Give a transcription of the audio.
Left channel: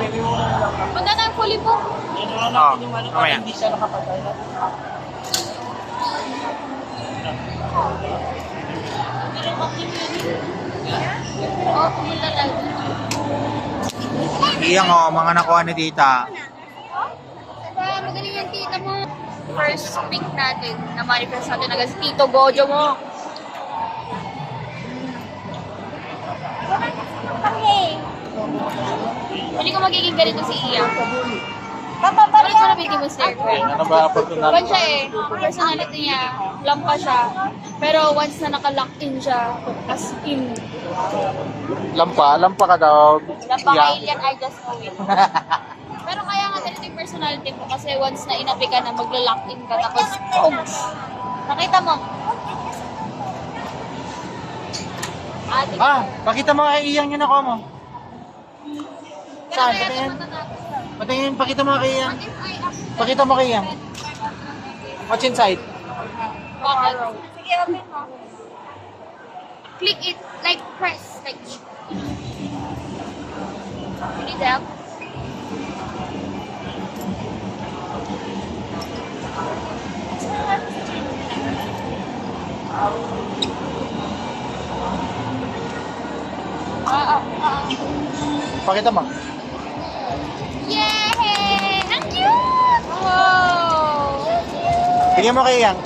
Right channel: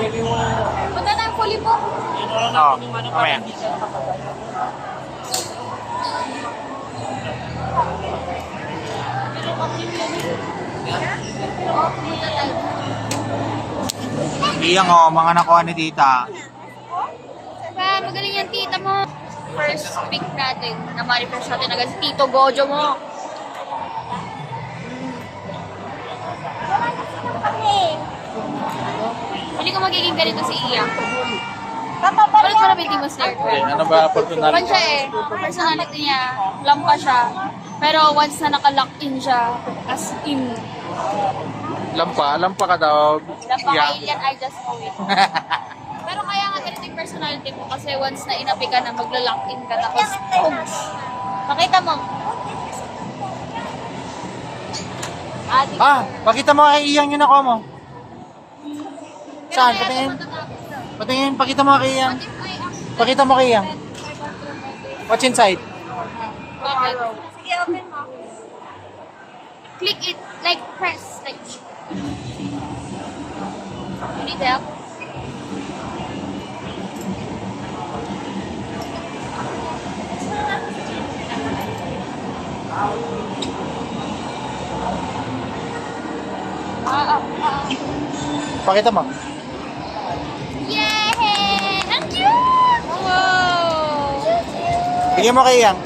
Punta tayong fully book. Oo, mamaya. Iyang mga nakuha ni tita. Diba, magaling yung tita mo. First pick natin, na-manifest natin agad si Tito Gojo mo. Hindi ko magiging ganito si Iya. Ay, grabe di mo, sir. Ano ba personality? Pan siya eh. Personality niya, lampa siya. Pero once na naka-lock in siya, as in, Lampa ka daw. lampa alien, I just know it. Pero kaya nga ganito yung personality mo kasi once na inapi ka na magla-lock in ka tapos boom. Nakita mo? Ate, Pakita mo kay Iyang yung nakuha mo. Saan? kaya Patingin. matatapos daw. Patingin, pakita mo kay Iyang. What if I actually Pakita mo kay Iyang. What's inside? Sige, open mo. Click it, like press, like. You need help? Pakita mo. Yay! Ang cute! Wow! Bigyan mo kay Iyang.